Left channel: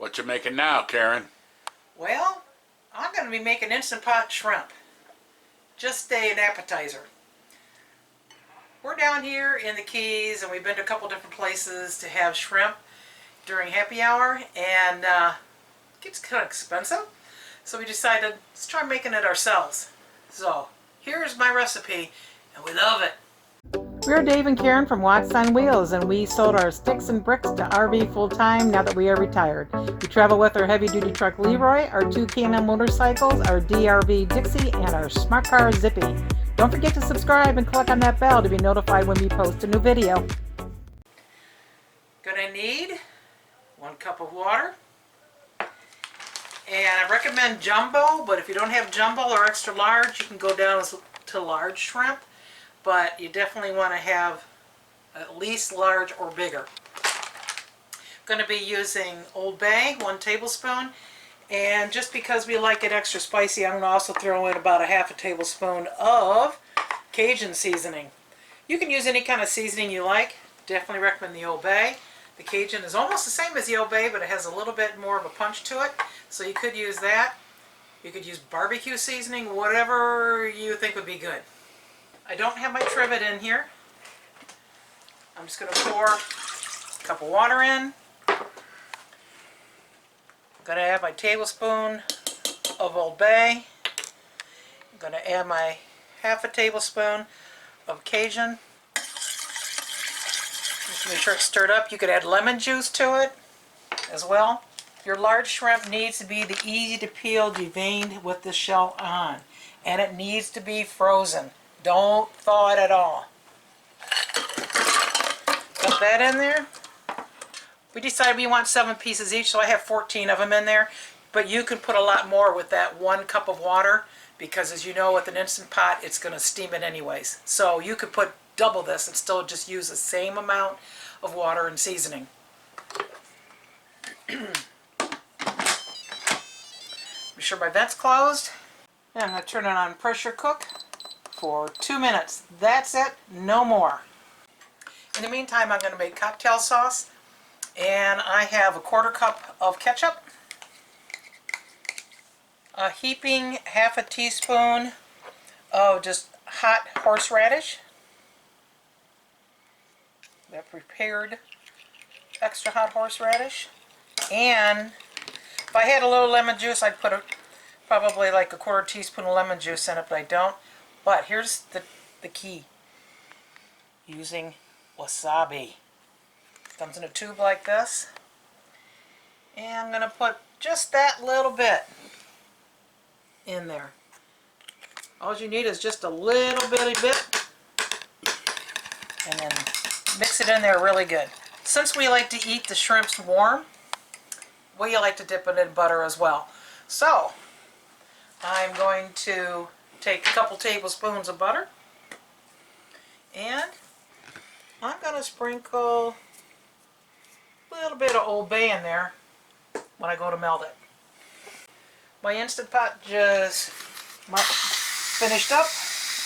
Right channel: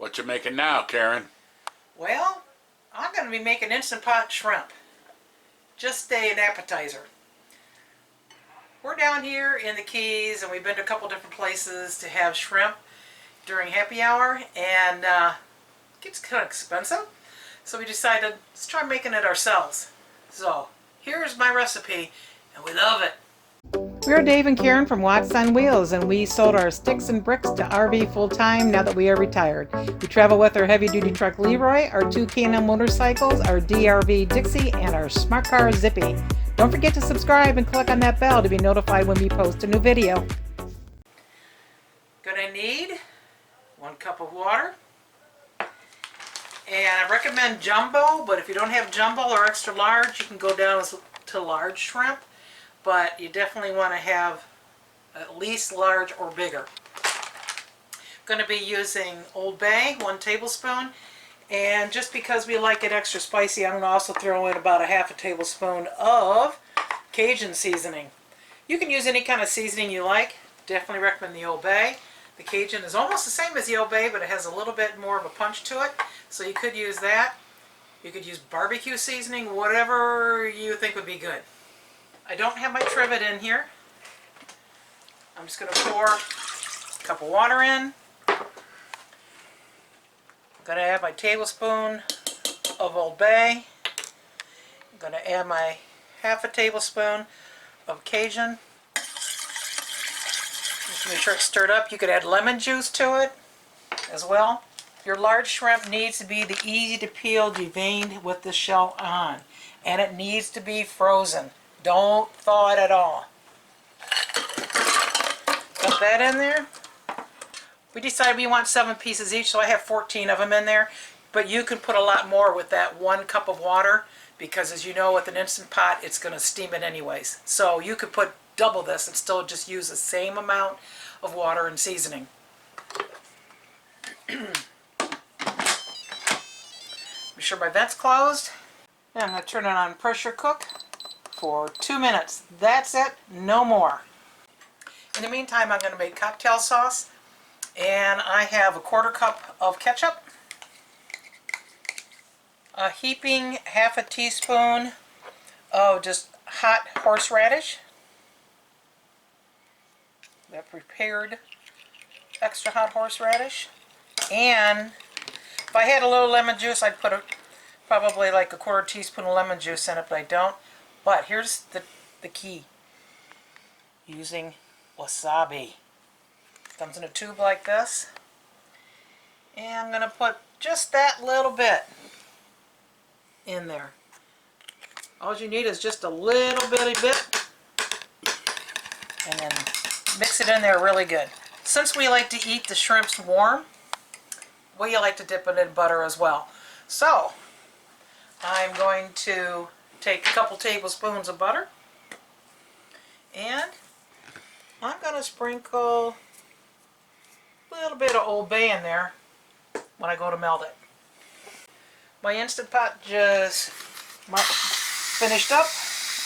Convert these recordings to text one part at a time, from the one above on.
What you making now, Karen? Well, I'm going to be making Instant Pot shrimp. Just an appetizer. We're down here in the Keys and we've been to a couple different places to have shrimp during happy hour, and it gets kind of expensive. So we decided, let's try making it ourselves. So here's my recipe, and we love it. We're Dave and Karen from Watts on Wheels, and we sold our sticks and bricks to RV full-time now that we are retired. We travel with our heavy-duty truck Leroy, our two K&M motorcycles, our DRV Dixie, and our smart car Zippy. Don't forget to subscribe and click on that bell to be notified when we post a new video. Gonna need 1 cup of water. And I recommend jumbo, but if you don't have jumbo or extra large, you can go down to large shrimp. But you definitely want to have at least large or bigger. Going to be using Old Bay, 1 tablespoon. And just because we like it extra spicy, I'm going to also throw in about a half a tablespoon of Cajun seasoning. You can use any kind of seasoning you like. Definitely recommend the Old Bay. The Cajun is almost the same as the Old Bay, but it has a little bit more of a punch to it. So you could use that. You could use barbecue seasoning, whatever you think would be good. I don't have my trivet in here. I'm just going to pour a cup of water in. I'm going to add my tablespoon of Old Bay. I'm going to add my half a tablespoon of Cajun. Just make sure it's stirred up. You could add lemon juice to it as well. Your large shrimp needs to be the easy to peel, deveined with the shell on. And it needs to be frozen. Don't thaw it at all. Got that in there. We decided we want 7 pieces each, so I have 14 of them in there. But you can put a lot more with that 1 cup of water, because as you know, with an Instant Pot, it's going to steam it anyways. So you could put double this and still just use the same amount of water and seasoning. Be sure my vent's closed. And I'm going to turn it on pressure cook for 2 minutes. That's it, no more. In the meantime, I'm going to make cocktail sauce, and I have a 1/4 cup of ketchup, a heaping half a teaspoon of just hot horseradish, that prepared extra hot horseradish, and if I had a little lemon juice, I'd put probably like a 1/4 teaspoon of lemon juice in it, but I don't. But here's the key. Using wasabi. Comes in a tube like this. And I'm going to put just that little bit in there. All you need is just a little bitty bit. And then mix it in there really good. Since we like to eat the shrimps warm, we like to dip it in butter as well. So, I'm going to take a couple tablespoons of butter, and I'm going to sprinkle a little bit of Old Bay in there when I go to melt it. My Instant Pot just finished up.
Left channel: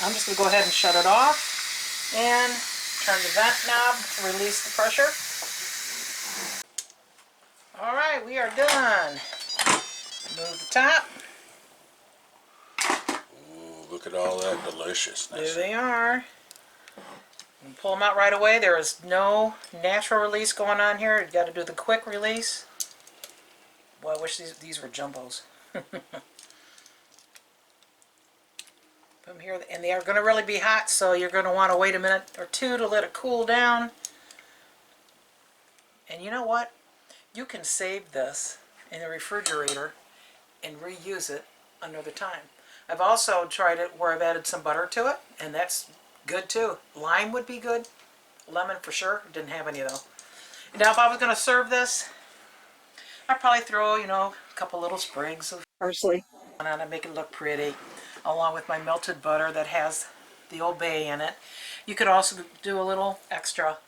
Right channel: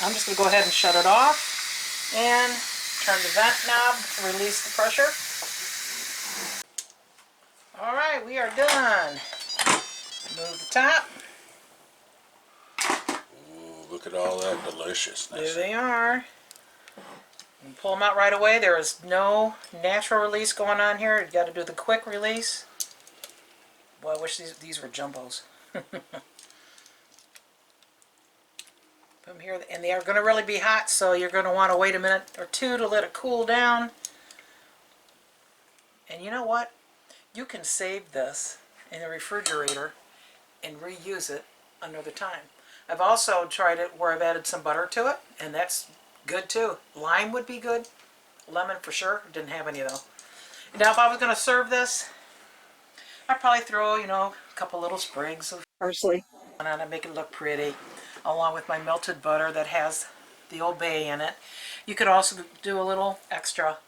I'm just going to go ahead and shut it off and turn the vent knob to release the pressure. Alright, we are done. Move the top. Look at all that deliciousness. There they are. And pull them out right away. There is no natural release going on here. You've got to do the quick release. Boy, I wish these were jumbos. Put them here, and they are going to really be hot, so you're going to want to wait a minute or two to let it cool down. And you know what? You can save this in the refrigerator and reuse it another time. I've also tried it where I've added some butter to it, and that's good too. Lime would be good. Lemon for sure. Didn't have any though. Now if I was going to serve this, I'd probably throw, a couple little sprigs of parsley on it, make it look pretty, along with my melted butter that has the Old Bay in it. You could also do a little extra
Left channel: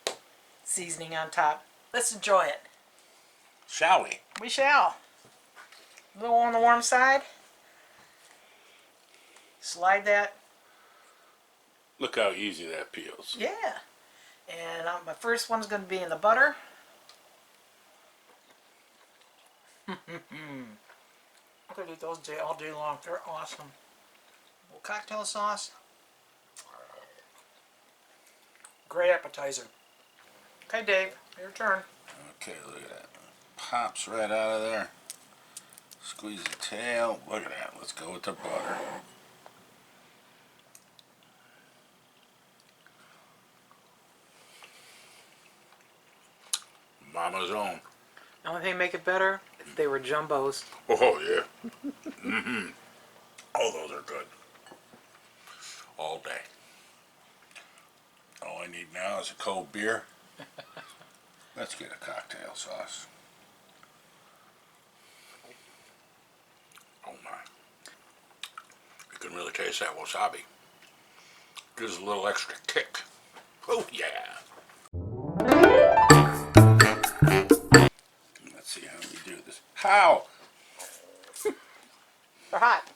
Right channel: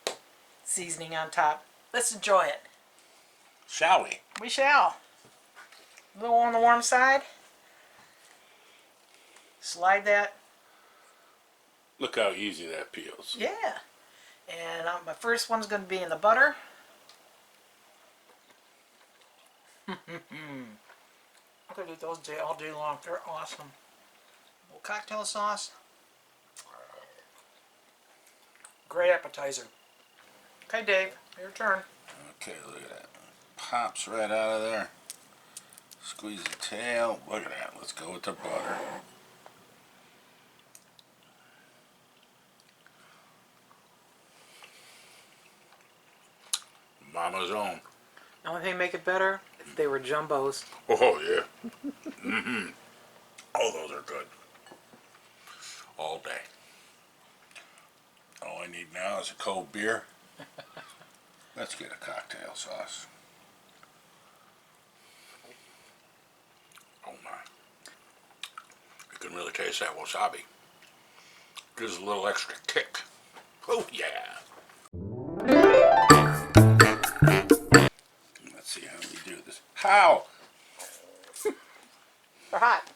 seasoning on top. Let's enjoy it. Shall we? We shall. A little on the warm side. Slide that. Look how easy that peels. Yeah. And my first one's going to be in the butter. I could eat those all day long. They're awesome. A little cocktail sauce. Great appetizer. Okay, Dave, your turn. Okay, look at that. Pops right out of there. Squeeze the tail. Look at that. Let's go with the butter. Mama's own. The only thing to make it better, if they were jumbos. Oh, yeah. Oh, those are good. All day. All I need now is a cold beer. Let's get a cocktail sauce. Oh my. You can really taste that wasabi. Gives a little extra kick. Oh yeah. Let's see how we do this. How? They're hot.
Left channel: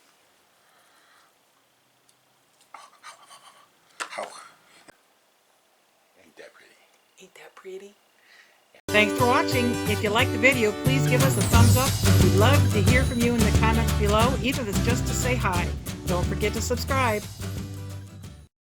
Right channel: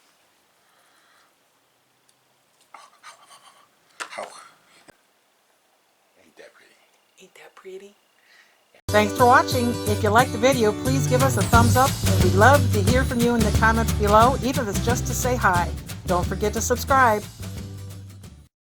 How? Ain't that pretty? Ain't that pretty? Thanks for watching. If you liked the video, please give us a thumbs up. We'd love to hear from you in the comments below, even if it's just to say hi. Don't forget to subscribe.